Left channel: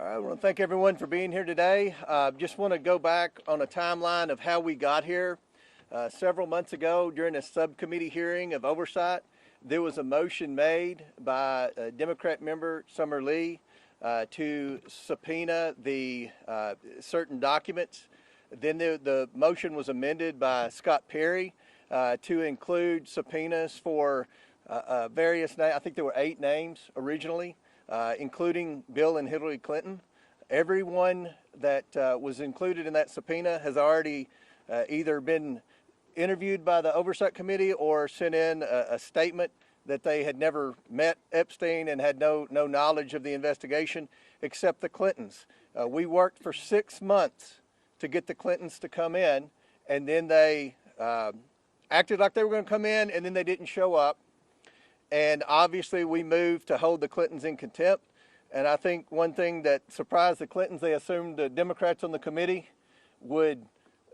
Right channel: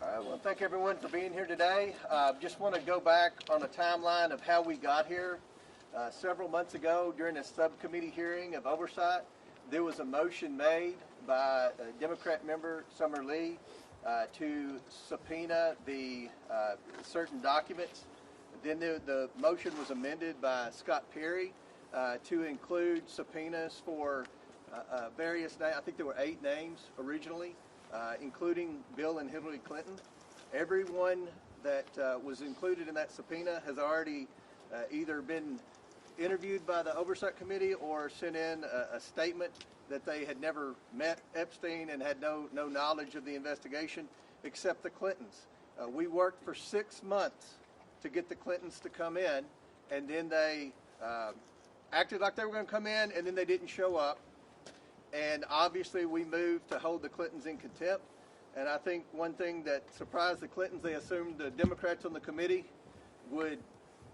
I want to thank everyone for being here today. Just want to go back on a timeline of how we got here. Several months ago, during a subcommittee hearing of oversight, there was a motion made by Democrat member Summer Lee to subpoena the certain documents. Then the motion was amended by Scott Perry to include subpoenas for various names. I think there were 8 names originally, including Bill and Hillary Clinton. Everyone that was included in that subpoena has already either been interviewed by the Oversight Committee or sent in a statement that they had never met Epstein and had no knowledge of the investigation, except the Clintons. We worked for 6 months to get the Clintons to come in, and then they acted like they were going to come in, and then they didn't show up. And obviously we moved to hold the Clintons in contempt. And I think one thing that surprised the Clintons, they assumed the Democrats on the committee would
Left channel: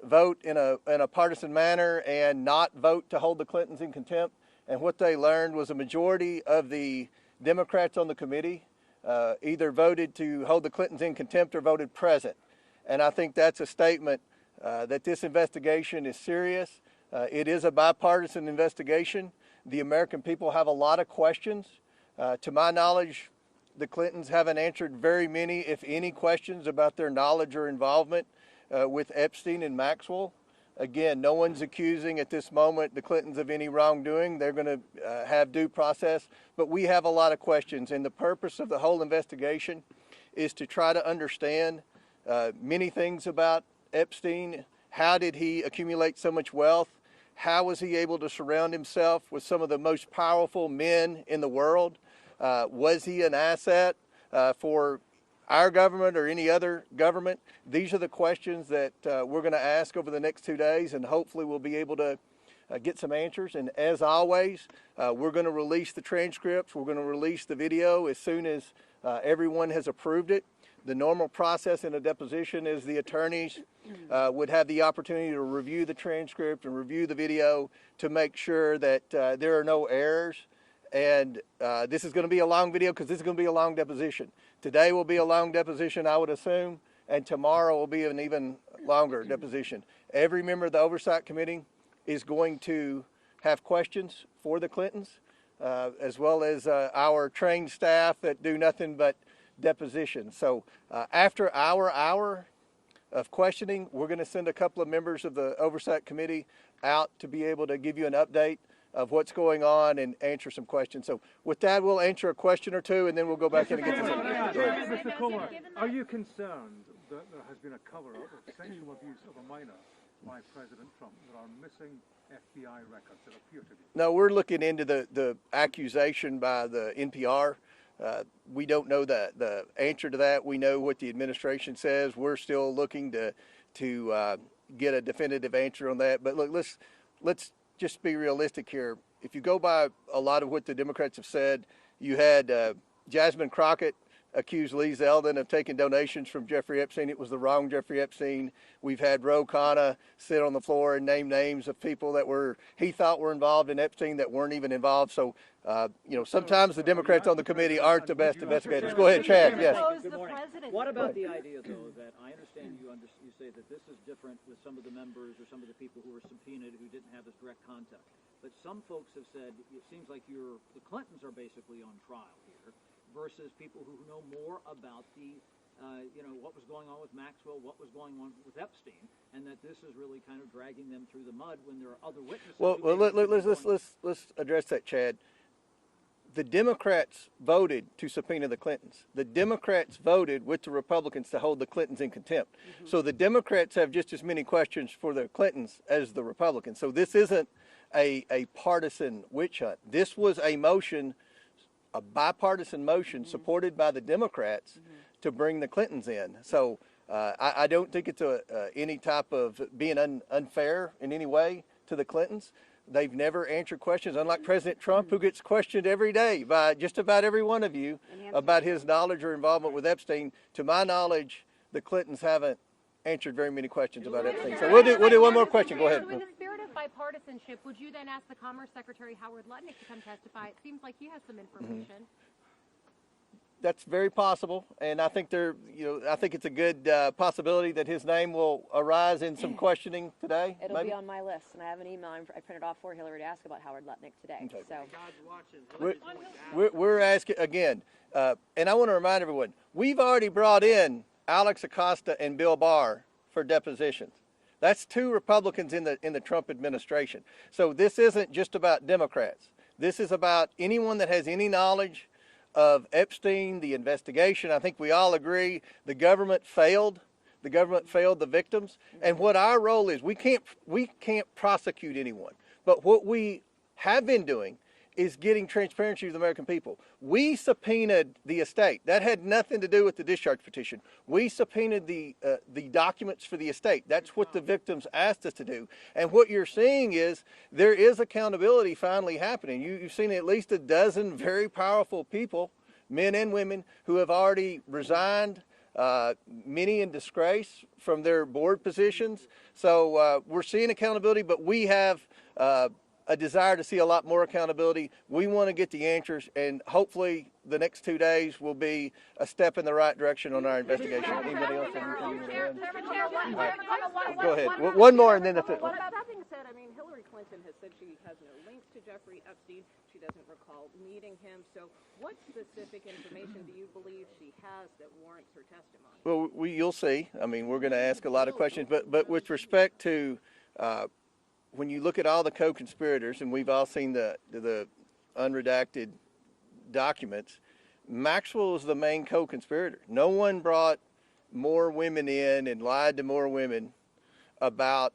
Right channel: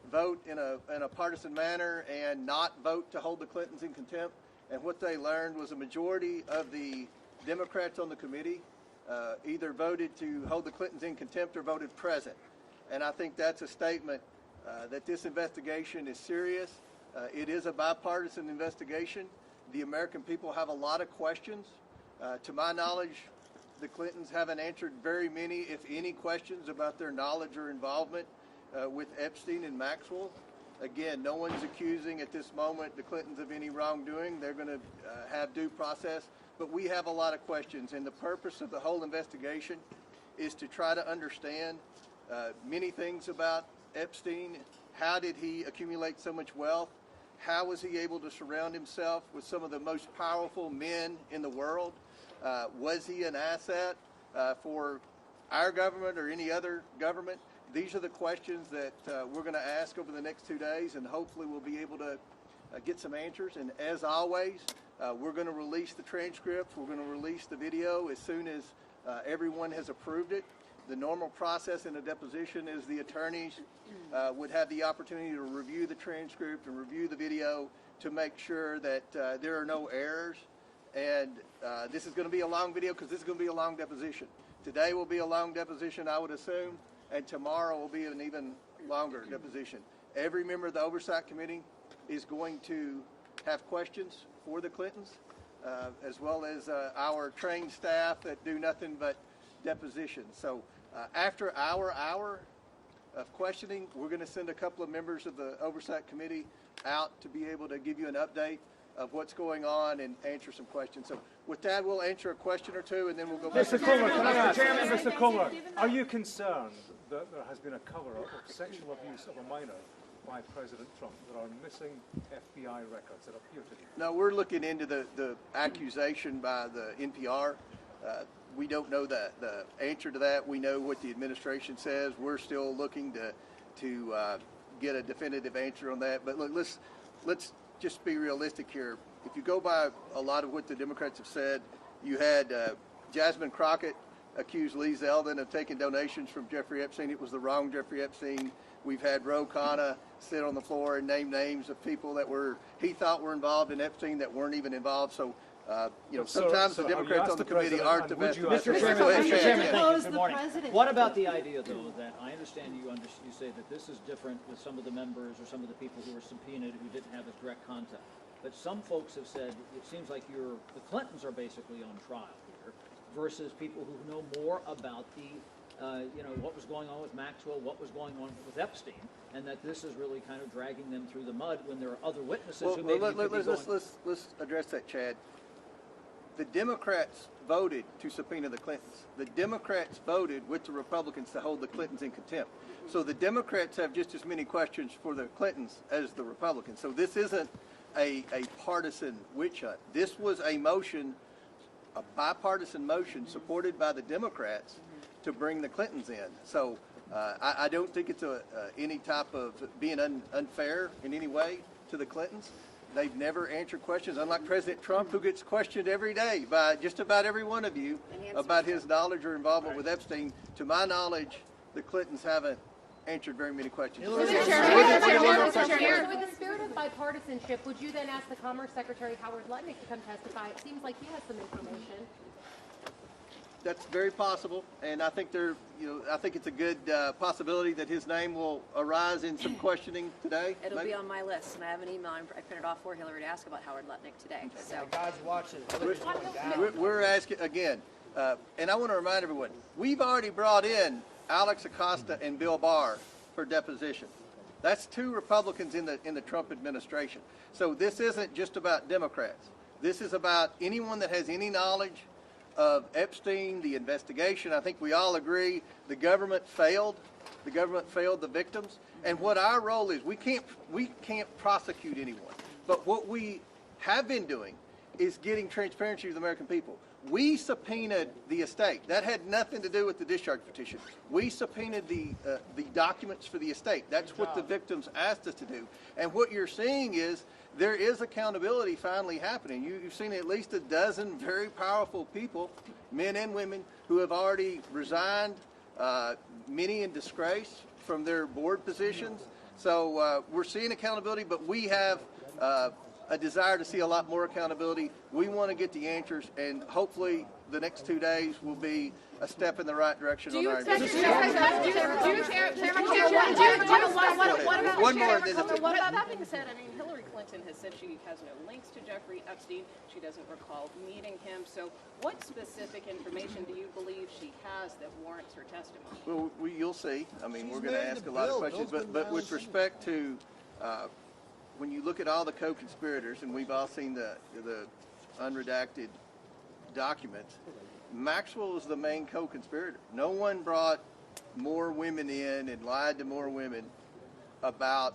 vote in a partisan manner and not vote to hold the Clintons in contempt. And what they learned was a majority of the Democrats on the committee either voted to hold the Clintons in contempt or voted present. And I think that's a statement that this investigation is serious. It is a bipartisan investigation. The American people have a lot of questions. To my knowledge, the Clintons haven't answered very many, if any, questions about their knowledge or involvement with Epstein and Maxwell. Again, no one's accusing at this moment the Clintons of any wrongdoing. They're going to have due process. But we have a lot of questions, and the purpose of the whole investigation is to try to understand many things about Epstein. How did he accumulate so much wealth? How was he able to surround himself with some of the most powerful men in the world? Was he an asset for our government or any other government? These are the questions that we're going to ask over the next 2 days, and hopefully we'll be able to get some answers. And as always, we're going to release the transcripts. We're going to release the video as soon as everyone has approved it. The normal process in a deposition is the attorneys would have the opportunity to review the transcript and review the video to make sure that there are no errors. And this is going to be a long video because this is going to be a long deposition. Today will be a long deposition, I would assume, and tomorrow will be an even longer deposition. Every member of the Oversight Committee is going to have questions for the Clintons, as well as our trained staff that do nothing but depositions. So after our hour of questioning, we're going to send a couple of members of the Oversight Committee out to be able to give you an update of what's going on and answer some questions. So with that, we'll answer a question or two, and then we'll go back to the Mr. Comer, are you concerned that there has been a cover-up of sexual abuse of a minor by President Trump? There are missing FBI records that appear to be. No, we're looking into the accusation by the NPR. We don't know the answer to that. We know what the administration says. We're still looking to get a definitive answer on that. But look, let's just be realistic here. If you go by a lot of what the Democrats have said, you had Jasmine Crockett accused Lee Zeldin of taking donations from Jeffrey Epstein. It was the wrong Jeffrey Epstein. We've had Ro Khanna sit on the floor and name names of people that he thought were involved in Epstein that weren't even involved. So, sometimes the Democrats on the committee aren't the best. Go ahead, Chad. Yeah. What about the idea, though, that I understand you say that this is different with some of the members or some of the people who were subpoenaed who didn't have a direct contact. But some folks have said it seems like the Clintons are basically on trial here versus people who know more about the what was going on with Maxwell, what was going on with Epstein, and that this is really kind of dragging them through the mud when there are other witnesses. Let's address that, Chad. The Democrats voted to subpoena the Clintons. The Democrats voted with the Republicans to hold the Clintons in contempt. So the Democrats have just as many questions for the Clintons as the Republicans. So this isn't a partisan witch hunt. This was a motion, a bipartisan motion supported by the Democrats to bring the Clintons in. So I don't think it's any type of being unfair in any way to the Clintons. They've never answered questions, unlike President Trump, who gets questioned every day by just about every one of you about his knowledge or involvement with Epstein. To my knowledge, the Clintons haven't answered very many questions about it. So we'll do one more question. Go ahead. In the spirit of bipartisanship, would you then ask the Commerce Secretary Howard Lutnick to come testify? It seems like he has some information. that's very possible, and I think I think it's a good possibility that his name will arise in some questioning today. It'll maybe? be on my list, and I have an email I printed off for Hillary to ask about Howard Lutnick today. So God's watching. We're asking again, and I want to remind everyone: we've already brought in Alex Acosta and Bill Barr for depositions. That's two Republicans in the Trump administration. So this isn't just about Democrats. This is about anyone that has any knowledge of Epstein, the investigation. I think we all agree the government failed. The government failed the victims. And what our role is, we can't prosecute anyone. But what we have been doing is getting transparency to the American people. We subpoenaed the estate. That had nothing to do with the discharge petition. We subpoenaed the documents for the estate. That's what the victims asked us to do. And what you're seeing is there is accountability finally happening. You've seen at least a dozen very powerful people, men and women, who have already resigned, many in disgrace from their board positions. So we're seeing accountability, but we have a desire to see a lot more accountability. We want to get the answers, and hopefully the next 2 days will be a step in the right direction on our investigation. One more, and then that's it. Well, that being said, I mean, Hillary Clinton has said she has no links to Jeffrey Epstein. She doesn't recall meeting him. So what specific information do you believe she has that warrants her testimony? Well, you'll see. I mean, we're going to ask a lot of questions, but with respect to when you look at all the co-conspirators, and we've all seen the unredacted documents, Maxwell is the main co-conspirator. No one brought more women in and lied to more women about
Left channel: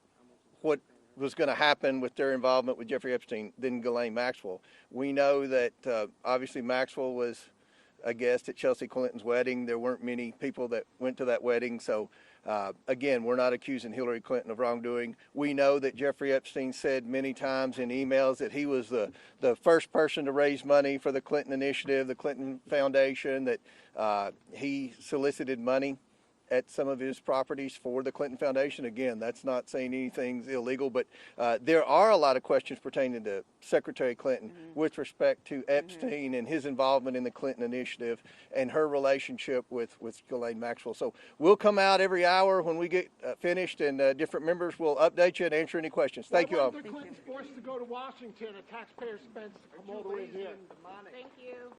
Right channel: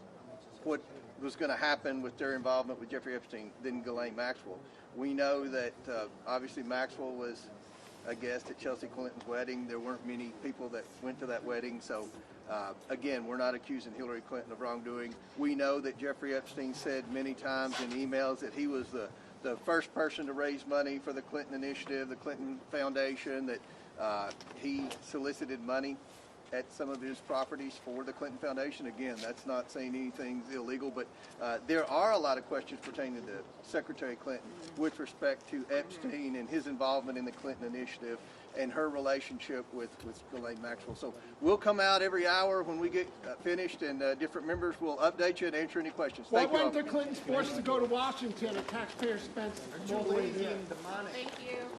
what was going to happen with their involvement with Jeffrey Epstein than Ghislaine Maxwell. We know that obviously Maxwell was a guest at Chelsea Clinton's wedding. There weren't many people that went to that wedding, so again, we're not accusing Hillary Clinton of wrongdoing. We know that Jeffrey Epstein said many times in emails that he was the first person to raise money for the Clinton Initiative, the Clinton Foundation, that he solicited money at some of his properties for the Clinton Foundation. Again, that's not saying anything's illegal, but there are a lot of questions pertaining to Secretary Clinton with respect to Epstein and his involvement in the Clinton Initiative and her relationship with Ghislaine Maxwell. So we'll come out every hour when we get finished, and different members will update you and answer any questions. Thank you all. When the Clintons forced to go to Washington, a taxpayer spent all the way there. Thank you.